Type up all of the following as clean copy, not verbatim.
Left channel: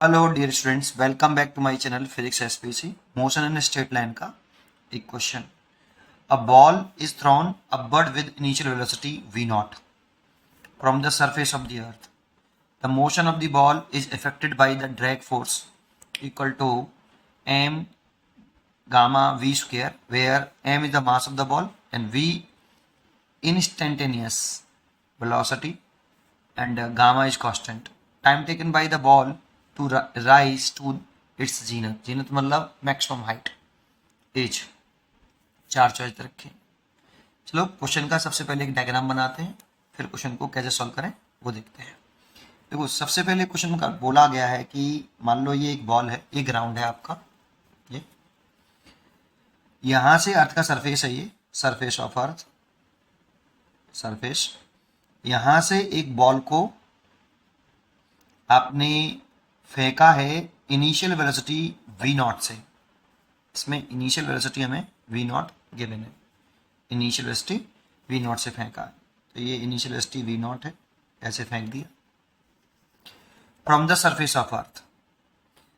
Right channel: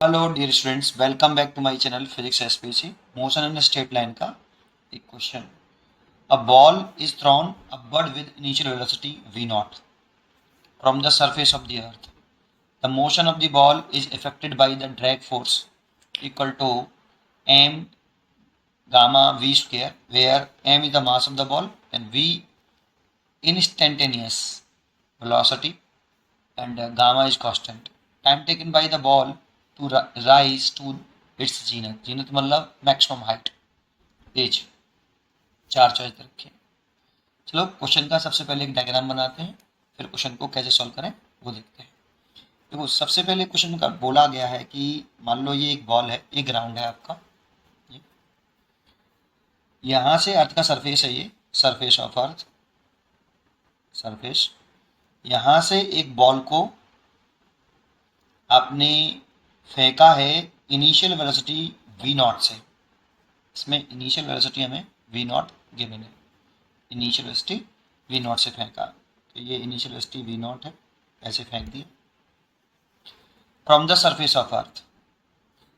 Hello dear students, welcome back to my channel physics SPC. Motion and straight line का एक question. A ball is thrown upward with initial velocity v naught from the surface of the earth. The motion of the ball is affected by the drag force equal to m gamma v square, where m is the mass of the ball and v instantaneous velocity and gamma is constant. Time taken by the ball to rise to its zenith. zenith मतलब maximum height, as. चार choice रखें। चलो question का सबसे पहले एक diagram बनाते हैं, फिर क्वेश्चन को कैसे सॉल्व करें वो देखते हैं। देखो, सबसे पहले क्वेश्चन का बोला गया है कि मान लो ये एक बॉल है, ये ग्राउंड है आपका। ये यहाँ से अर्थ का सरफेस है, ये सरफेस ऑफ अर्थ, सरफेस। यहाँ से एक बॉल को आपने फेंका है इनिशियल वेलोसिटी v नॉट से। इसमें इनिशियल वेलोसिटी हमें v नॉट गिवन है, इनिशियल वेलोसिटी v नॉट से फेंका। तो ये इनिशियल वेलोसिटी v नॉट है, ऐसे फेंक दिया। From the surface of earth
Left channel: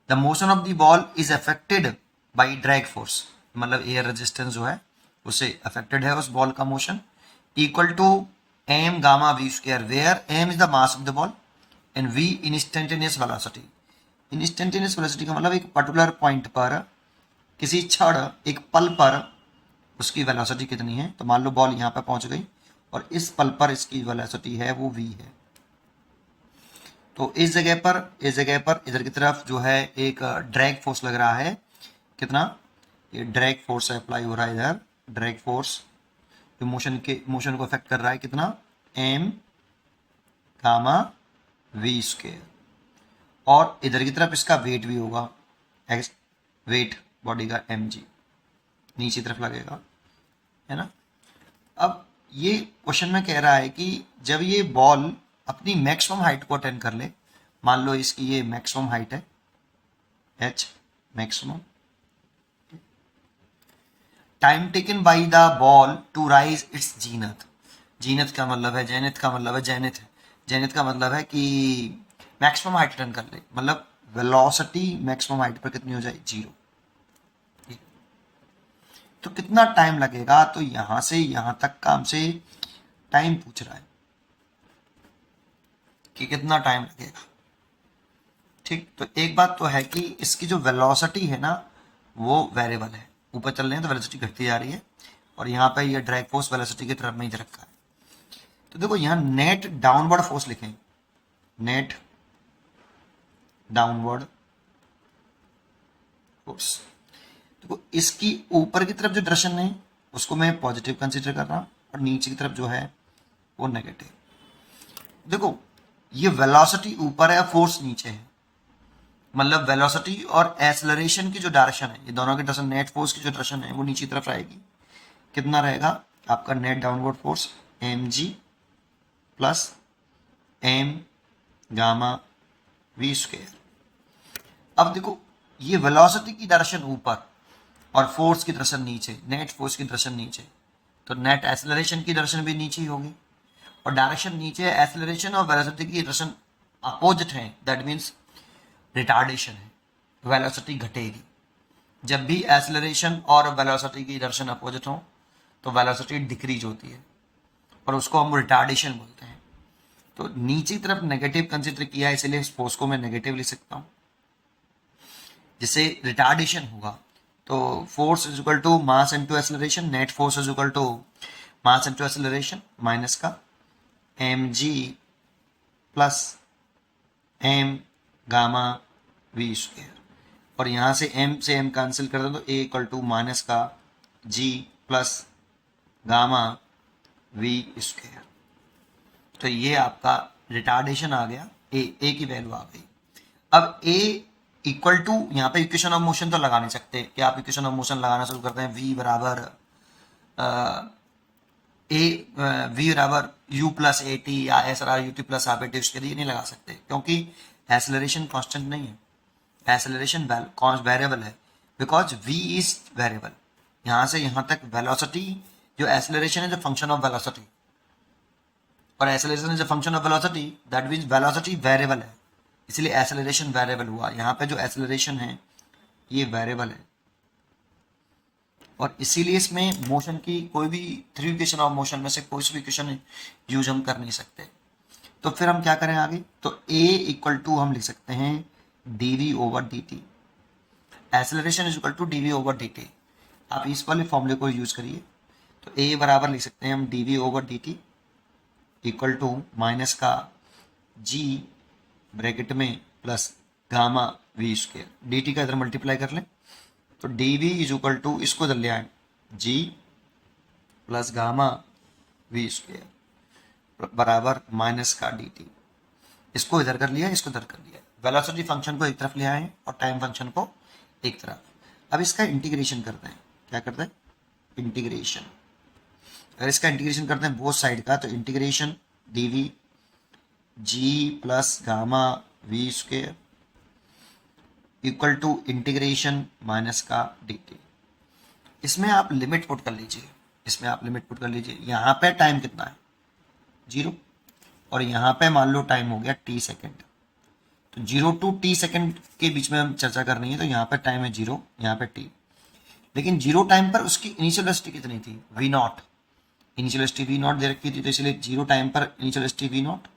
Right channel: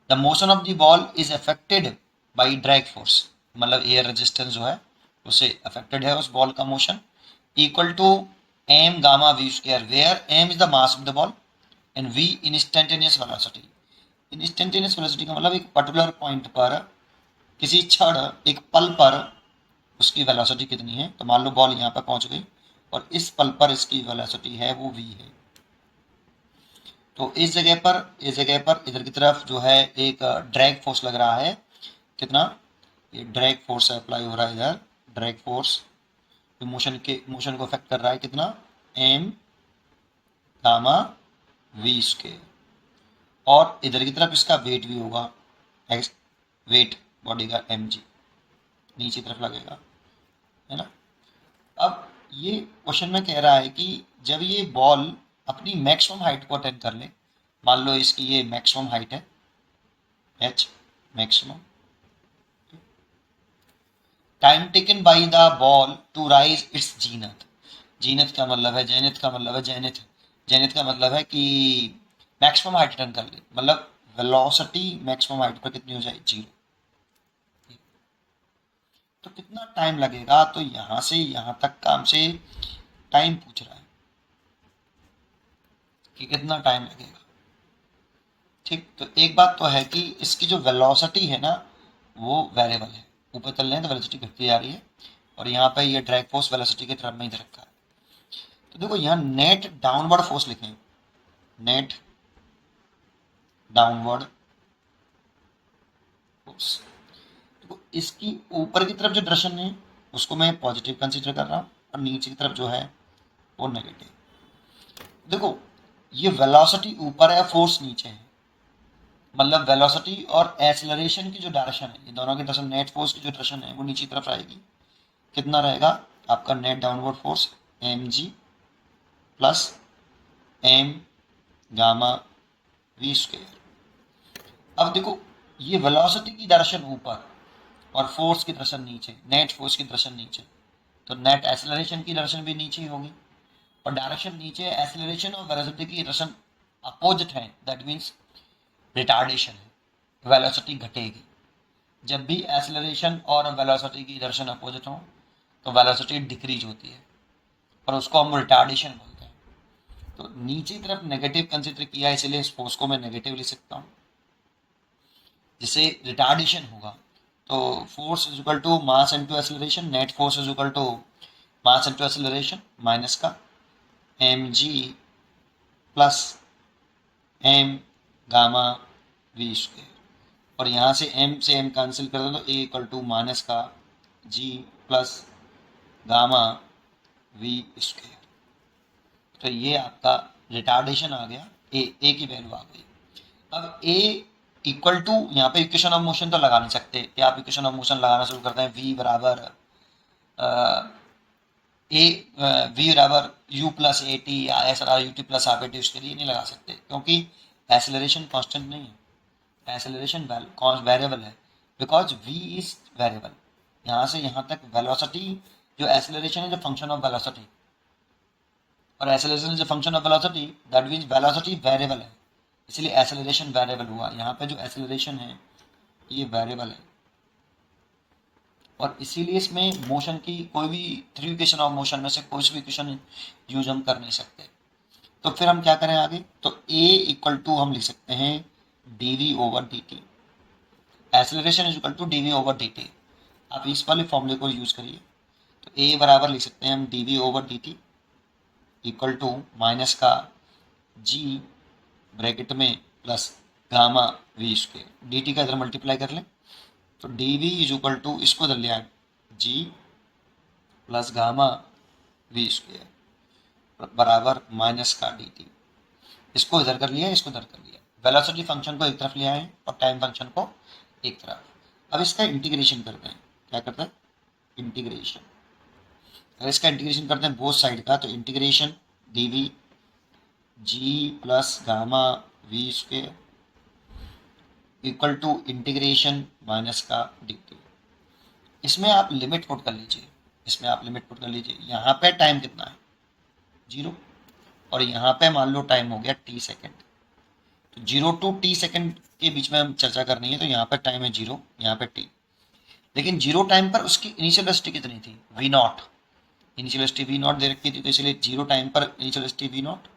the motion of the ball is affected by drag force, मतलब एयर रेजिस्टेंस जो है उससे अफेक्टेड है उस बॉल का motion, equal to m gamma v square, where m is the mass of the ball and v instantaneous velocity. Instantaneous velocity का मतलब एक पर्टिकुलर पॉइंट पर, किसी क्षण, एक पल पर उसकी वेलोसिटी कितनी है। तो मान लो बॉल यहाँ पर पहुंच गई और इस पल पर इसकी वेलोसिटी है वो v है। तो इस जगह पर इधर की तरफ जो है एक ड्रैग फोर्स लग रहा है। कितना? ये ड्रैग फोर्स अप्लाई हो रहा है इधर, ड्रैग फोर्स जो मोशन को अफेक्ट कर रहा है। कितना? m gamma v square. और इधर की तरफ इसका वेट भी होगा, एक्स वेट बॉडी का mg नीचे तरफ लगेगा, है ना। अब ये क्वेश्चन में कह रहा है कि जब ये बॉल अपनी मैक्सिमम हाइट को अटेंड कर ले, मान लो इसकी ये मैक्सिमम हाइट है h maximum, time taken by the ball to rise its zenith. Zenith का मतलब है जेनिथ, का मतलब है जेनिथ, जेनिथ का मतलब है कि मैक्सिमम हाइट अटेंड कर ले, मतलब वेलोसिटी मैक्सिमम हाइट पर कितनी हो जाए? 0। तो कितना टाइम लगेगा? तो यहां से यहां तक का हमसे टाइम पूछ रहा है कि कितना टाइम लगेगा। ठीक, तो एक बात तो है कि इसकी जो वेलोसिटी है ना वो वेरिएबल है, ऊपर चल रहे हैं तो वेलोसिटी घटती जा रही है, और यहाँ पे ये ड्रैग फोर्स वेलोसिटी की तरफ में ही रखा है। तो देखो यहाँ नेट डाउनवर्ड फोर्स लिखें, नेट डाउनवर्ड फोर्स। देखो इसकी ऊपर की तरफ जो डायरेक्शन है उसको मैं पॉजिटिव कंसीडर कर रहा हूँ, और नीचे की तरफ जो है वो नेगेटिव। देखो ये वेलोसिटी ऊपर है, फोर्स नीचे है, मतलब वेलोसिटी और एक्सेलरेशन की जो डायरेक्शन है, ये दोनों की डायरेक्शन, नेट फोर्स की जो डायरेक्शन है वो नीचे की तरफ रहेगी। कितना रहेगा आपका net downward force? mg plus m gamma v square. अब देखो ये वेलोसिटी की डायरेक्शन ऊपर और फोर्स की डायरेक्शन नीचे, नेट फोर्स की डायरेक्शन नीचे, तो नेट एक्सेलरेशन की डायरेक्शन भी नीचे ही होगी। और डायरेक्शन नीचे, एक्सेलरेशन और वेलोसिटी की डायरेक्शन अपोजिट है, दैट मीन्स रिटार्डेशन है, वेलोसिटी घटेगी। जब भी एक्सेलरेशन और वेलोसिटी की डायरेक्शन अपोजिट हो तो वेलोसिटी डिक्रीज होती है, और उसको हम रिटार्डेशन बोलते हैं। तो नीचे की तरफ नेगेटिव कंसीडर किया है, इसलिए इस फोर्स को मैं नेगेटिव लिख सकता हूँ, जिससे रिटार्डेशन होगा। तो force is equal to mass into acceleration, net force is equal to mass into acceleration minus का mg plus m gamma v square. और यहाँ से m से m कैंसिल कर दो तो a इक्वल टू माइनस का g plus gamma v square. तो ये आपका रिटार्डेशन आ गया, a की वैल्यू आ गई। अब a इक्वल टू, यहाँ पे इक्वेशन ऑफ मोशन तो लगा नहीं सकते, क्या आप इक्वेशन ऑफ मोशन लगाना शुरू करते हैं? v बराबर v बराबर u प्लस ए टी या S U T plus half A T, उसके लिए नहीं लगा सकते, क्योंकि एक्सेलरेशन कांस्टेंट नहीं है, एक्सेलरेशन वेरिएबल है, बिकॉज v इज वेरिएबल। यहाँ से यहाँ तक वेलोसिटी, जो एक्सेलरेशन है जो फंक्शन ऑफ वेलोसिटी, और acceleration is a function of velocity, that means velocity variable है, इसलिए एक्सेलरेशन वेरिएबल हुआ। यहाँ पे जो एक्सेलरेशन है ये वेरिएबल है, और इसीलिए इसमें मोशन की कोई भी थ्री इक्वेशन ऑफ मोशन में से कोई भी इक्वेशन यूज हम कर नहीं सकते। तो फिर हम क्या करें आगे, तो a इक्वल टू हम लिख सकते हैं dv over dt, acceleration is equal to dv over dt। आप इस वाले फॉर्मूले को यूज करिए, तो a बराबर लिख सकते हैं हम dv over dt equal to minus का g ब्रैकेट में plus gamma v square, dt का इधर मल्टीप्लाई कर लें, तो dv इज इक्वल टू इसको इधर ले आए g plus gamma v square बराबर माइनस का dt। इसको इधर कर लिया, इसको इधर कर लिया, वेलोसिटी फंक्शन को एक तरफ ले आए और टाइम फंक्शन को एक तरफ। अब इसका इंटीग्रेशन करते हैं, क्या करते हैं, इंटीग्रेशन। अगर इसका इंटीग्रेशन करते हैं बोथ साइड का, तो integration dv g plus gamma v square equal to integration minus का dt। इसमें आप लिमिट पुट कर लीजिए, इसमें आप लिमिट पुट कर लीजिए। यहाँ पे टाइम कितना है, 0, और यहाँ पे मान लो टाइम हो गया t सेकेंड। तो 0 to t सेकेंड के बीच में हम चर्चा करनी है, तो यहाँ पे टाइम है 0, यहाँ पे t। लेकिन 0 टाइम पर उसकी इनिशियल वेलोसिटी कितनी थी, v not, initial velocity v not they रखी थी, तो इसलिए 0 टाइम पर इनिशियल वेलोसिटी v नॉट,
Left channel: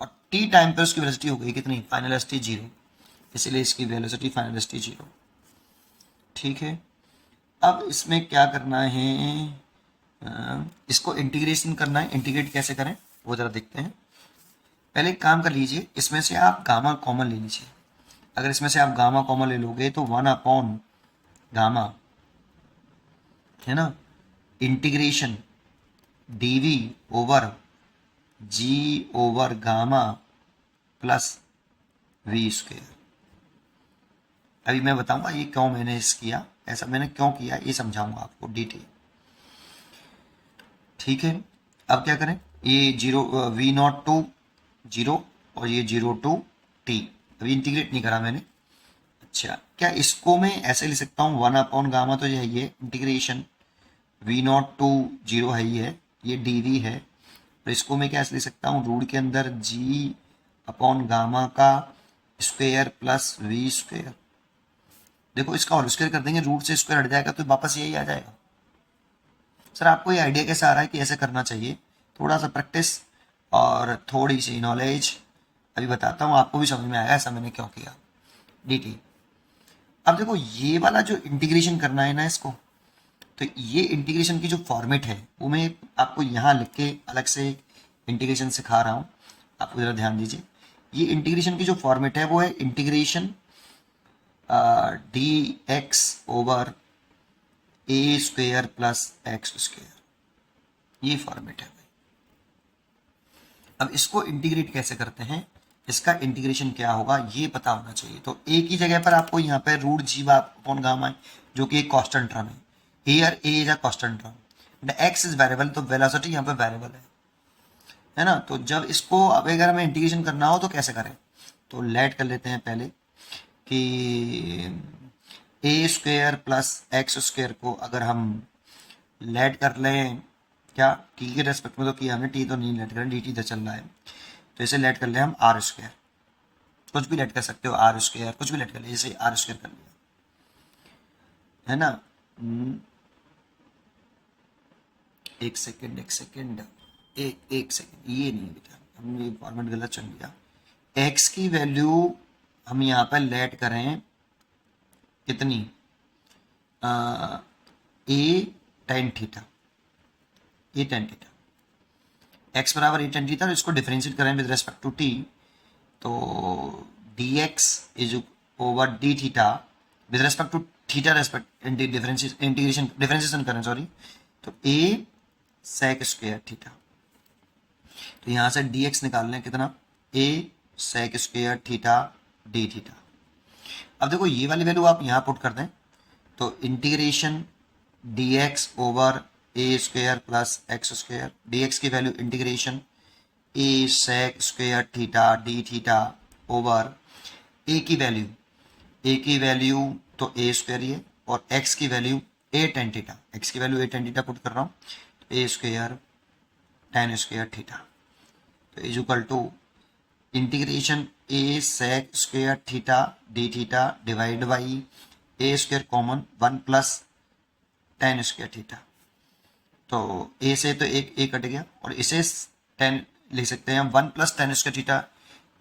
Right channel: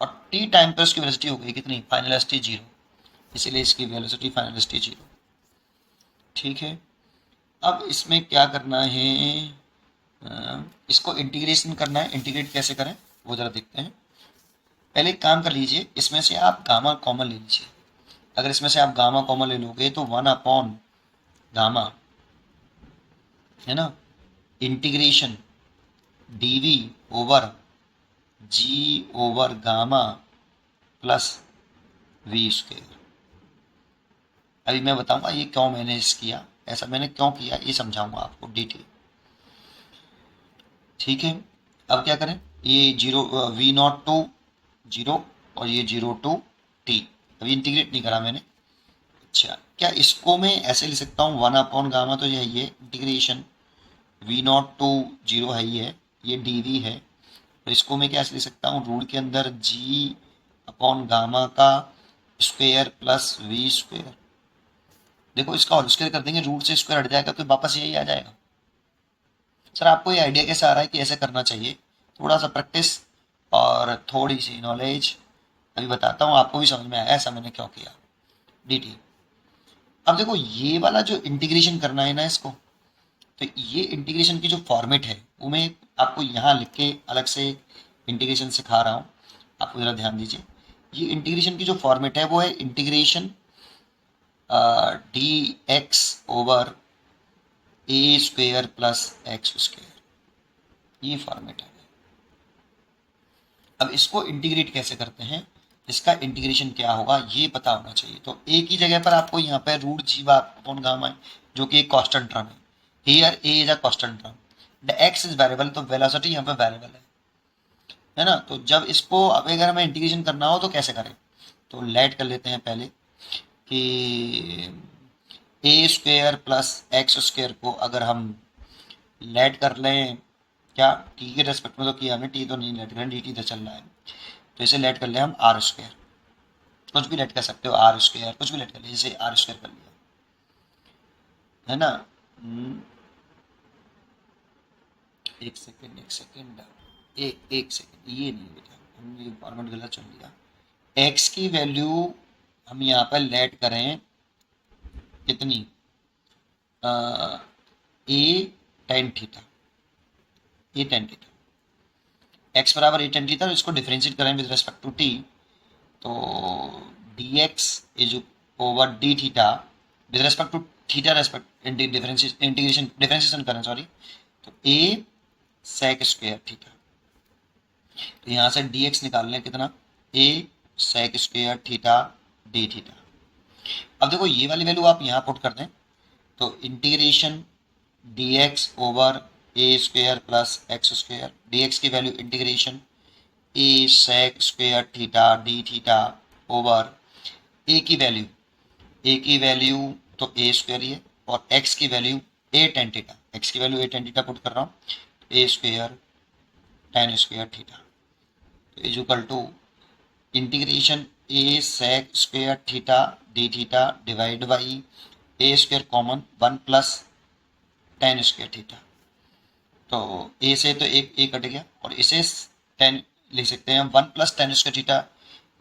और t टाइम पर उसकी वेलोसिटी हो गई कितनी, फाइनल वेलोसिटी 0, इसलिए इसकी वेलोसिटी फाइनल वेलोसिटी 0। ठीक है, अब इसमें क्या करना है, इसको इंटीग्रेशन करना है। इंटीग्रेट कैसे करें वो जरा देखते हैं। पहले एक काम कर लीजिए, इसमें से आप गामा कॉमन ले लीजिए। अगर इसमें से आप गामा कॉमन ले लोगे तो 1 अपॉन गामा है ना, integration dv over g over gamma plus v square. अभी मैं बताऊंगा ये क्यों मैंने इस किया, ऐसा मैंने क्यों किया ये समझाऊंगा आपको डिटेल। ठीक है, अब क्या करें, ये 0 v नॉट टू 0 और ये 0 टू t, अभी इंटीग्रेट नहीं करा मैंने। अच्छा, क्या इसको मैं ऐसे लिख सकता हूँ 1 अपॉन गामा, तो ये है ये इंटीग्रेशन v नॉट टू 0 है, ये dv है, तो इसको मैं क्या ऐसे लिख सकता हूँ, रूट के अंदर g अपॉन गामा का स्क्वायर प्लस v स्क्वायर। देखो इसका होल स्क्वायर कर देंगे, रूट से स्क्वायर हट जाएगा तो वापस यही आ जाएगा। सर आपको ये आइडिया कैसे आ रहा है कि ऐसे करना चाहिए, थोड़ा सा प्रैक्टिस और थोड़ी सी नॉलेज, अभी बताता हूँ आपको भी समझ में आया ऐसा मैंने क्यों किया। dt, अब देखो ये वाला जो इंटीग्रेशन करना है ना इसको, तो ये इंटीग्रेशन की जो फॉर्मेट है वो मैं आपको यहाँ लिख के अलग से इंटीग्रेशन सिखा रहा हूँ, आपको ज़रा ध्यान दीजिए। ये इंटीग्रेशन की जो फॉर्मेट है वो है इंटीग्रेशन dx ओवर ए स्क्वेयर प्लस एक्स स्क्वेयर, ये फॉर्मेट है भाई। अब इसको इंटीग्रेट कैसे करते हैं, इसका इंटीग्रेशन क्या होगा ये पता होना चाहिए। तो ए की जगह पर आपको यहाँ पे रूट जी अपॉन गामा है जो कि एक कांस्टेंट टर्म है, here A is a constant term, the x is variable, तो वेलोसिटी यहाँ पे वेरिएबल है ना। तो जब इसको अब अगर हमें इंटीग्रेशन करना हो तो कैसे करें, तो लेट कर लेते हैं पहले कि ए स्क्वेयर प्लस एक्स स्क्वेयर को अगर हम लेट कर लें, क्या टी के रेस्पेक्ट में तो किया हमने, टी तो नहीं लेट करें, डी टी तो चल रहा है, तो इसे लेट कर लें हम आर स्क्वेयर, कुछ भी लेट कर सकते हो, आर स्क्वेयर कुछ भी लेट कर लिया, जैसे आर स्क्वेयर कर लिया है ना। एक सेकेंड एक सेकेंड ये नहीं बेटा, हमने ये फॉर्मेट गलत चुन लिया। एक्स की वैल्यू हम यहाँ पर लेट करें कितनी, a tan theta, a tan theta, x बराबर ए टेन थीटा, तो इसको डिफरेंशिएट करें विद रेस्पेक्ट टू टी, तो d x is over d theta with respect to theta respect differentiation करें सॉरी, तो ए सेक स्क्वायर थीटा, तो यहाँ से डी एक्स निकाल लें कितना, a sec square theta d theta. अब देखो ये वाली वैल्यू आप यहाँ पुट कर दें, तो integration d x over a square plus x square, d x की value integration a sec square theta d theta over a की वैल्यू तो ए स्क्वायर ही है, और एक्स की value a tan theta, x की value a tan theta put कर रहा हूँ, a square tan square theta, तो is equal to integration a sec square theta d theta divide by a square common 1 plus tan square theta. तो a से तो एक ए cut गया और इसे 10 लिख सकते हैं। 1 plus tan square theta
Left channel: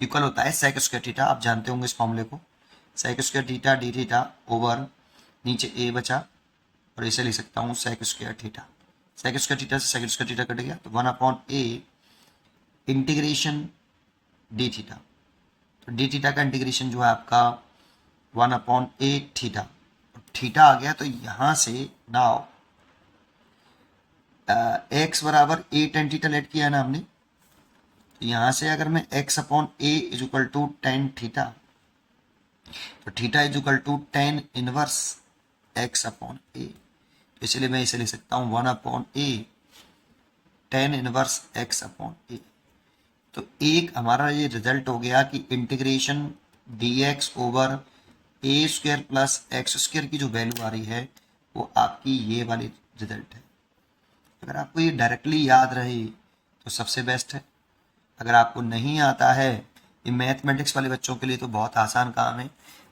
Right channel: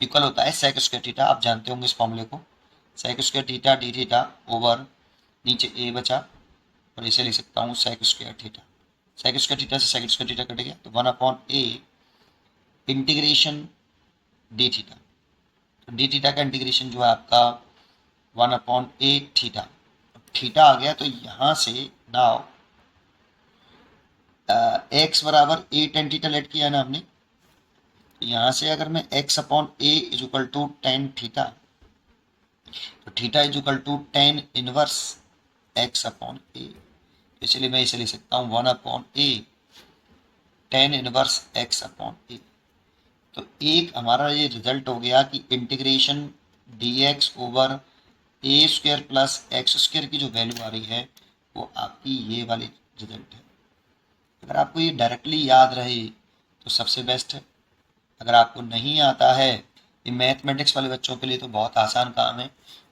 equal होता है सेक स्क्वेयर थीटा, आप जानते होंगे इस फॉर्मूले को। Sec square theta d theta over नीचे ए बचा और इसे लिख सकता हूँ sec square theta. Sec square theta से सेक स्क्वेयर थीटा कट गया तो 1/a इंटीग्रेशन डी थीटा। तो डी थीटा का इंटीग्रेशन जो है आपका 1/a थीटा। थीटा आ गया तो यहाँ से नाउ एक्स बराबर ए टेन थीटा लेट किया है ना हमने। तो यहाँ से अगर मैं x/a is equal to tan theta, तो theta is equal to tan inverse x/a। इसलिए मैं इसे लिख सकता हूँ 1/a टेन इनवर्स x/a। तो एक हमारा ये रिजल्ट हो गया कि इंटीग्रेशन dx ओवर ए स्क्वेयर प्लस एक्स स्क्वेयर की जो वैल्यू आ रही है वो आपकी ये वाली रिजल्ट है। अगर आपको ये डायरेक्टली याद रहे तो सबसे बेस्ट है। अगर आपको नहीं आता है, ये मैथमेटिक्स वाले बच्चों के लिए तो बहुत आसान काम है।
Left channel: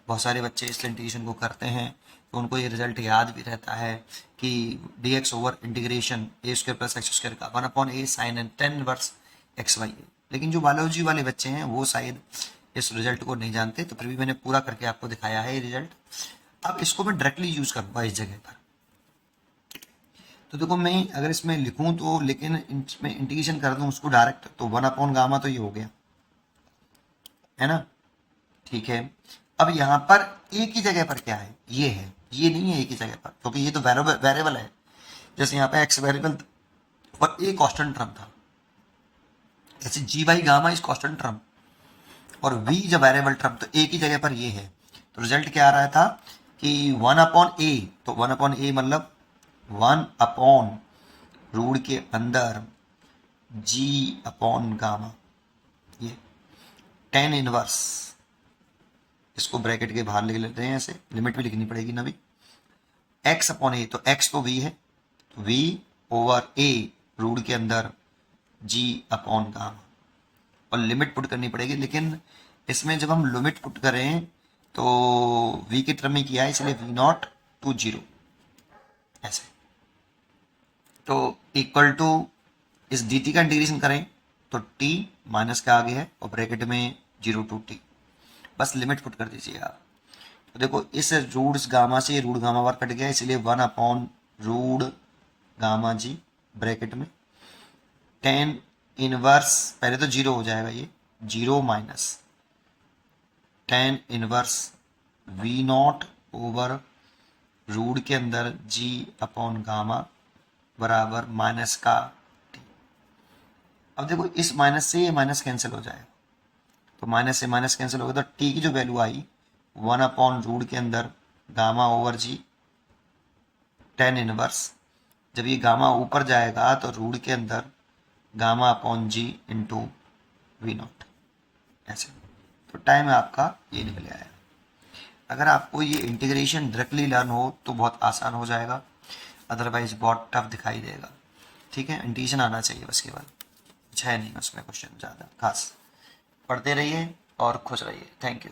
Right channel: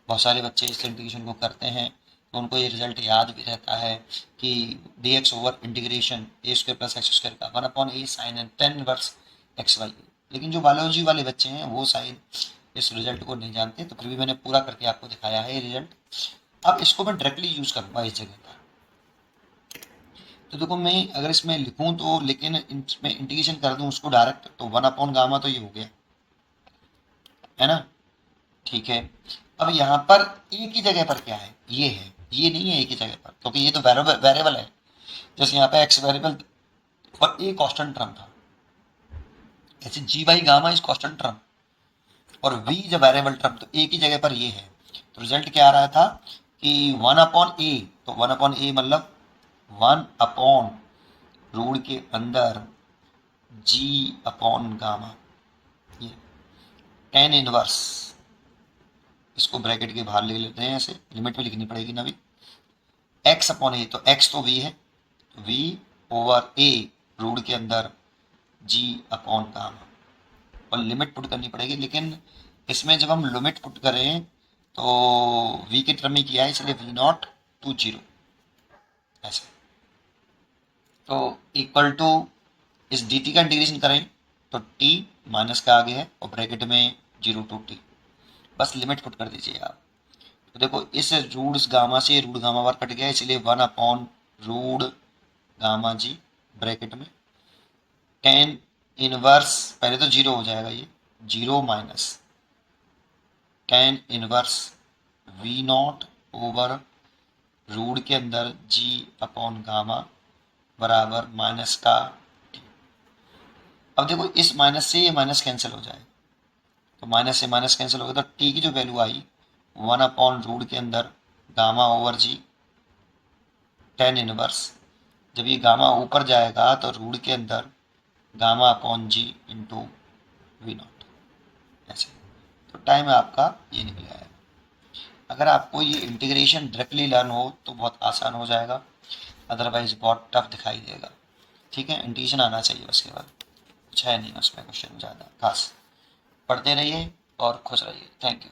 बहुत सारे बच्चे इस इंटीग्रेशन को करते हैं तो उनको ये रिजल्ट याद भी रहता है कि dx over integration a square plus x square का 1/a sine and tan inverse x y. लेकिन जो बायोलॉजी वाले बच्चे हैं वो शायद इस रिजल्ट को नहीं जानते, तो फिर भी मैंने पूरा करके आपको दिखाया है ये रिजल्ट। अब इसको मैं डायरेक्टली यूज़ करूँगा इस जगह पर। तो देखो मैं अगर इसमें लिखूं तो, लेकिन इसमें इंटीग्रेशन कर दूं उसको डायरेक्ट, तो 1/गामा तो ये हो गया है ना। ठीक है, अब यहाँ पर ए की जगह पर क्या है, ये है, ये नहीं है ए की जगह पर, क्योंकि ये तो वेरिएबल है। जैसे यहाँ पे एक्स वेरिएबल और ए कांस्टेंट टर्म था, ऐसे g by gamma is constant term और वी जब वेरिएबल टर्म, तो ए की जगह पर ये है। तो रिजल्ट क्या आ रहा था कि 1/a, तो 1/a मतलब 1/रूट के अंदर जी अपॉन गामा, ये टेन इनवर्स, इसको ब्रैकेट के बाहर ले लेते हैं, ऐसे लिमिट में लिखनी पड़ेगी ना भी, x/a, तो x तो v है, तो v ओवर a रूट के अंदर g अपॉन गामा, और लिमिट पुट करनी पड़ेगी। लेकिन इसमें जब हम लिमिट पुट करें तो v के टर्म में किया है, इसलिए v0 टू 0 ऐसे। तो इक्वल टू इस dt का इंटीग्रेशन करें तो t माइनस का आगे है और ब्रैकेट में 0 टू t, बस लिमिट पुट कर दीजिए आप। तो देखो इस रूट गामा से रूट गामा बार कट गया, इसलिए 1/रूट गामा जी ब्रैकेट में टेन इनवर्स, पहले तो 0 हो जाएगा, ये 0 minus tan inverse v0 over root के अंदर g अपॉन गामा बराबर माइनस का t। अब देखो इस माइनस से ये माइनस कैंसिल हो जाएगा, तो माइनस से माइनस कैंसिल हो गया, तो t की जो वैल्यू आई 1/रूट के अंदर गामा ओवर जी टेन इनवर्स, जब ये गामा ऊपर जाएगा तो रूट के अंदर गामा अपॉन जी इंटू v0 ऐसे। तो टाइम आपका ये निकल आएगा। अगर आपको ये इंटीग्रेशन डायरेक्टली लर्न हो तो बहुत आसान हो जाएगा, अदरवाइज बहुत टफ दिखाई देगा। ठीक है, इंटीग्रेशन आना चाहिए बस, केवल कुछ है नहीं उसमें क्वेश्चन ज़्यादा खास। पढ़ते रहिए और खुश रहिए। Thank you.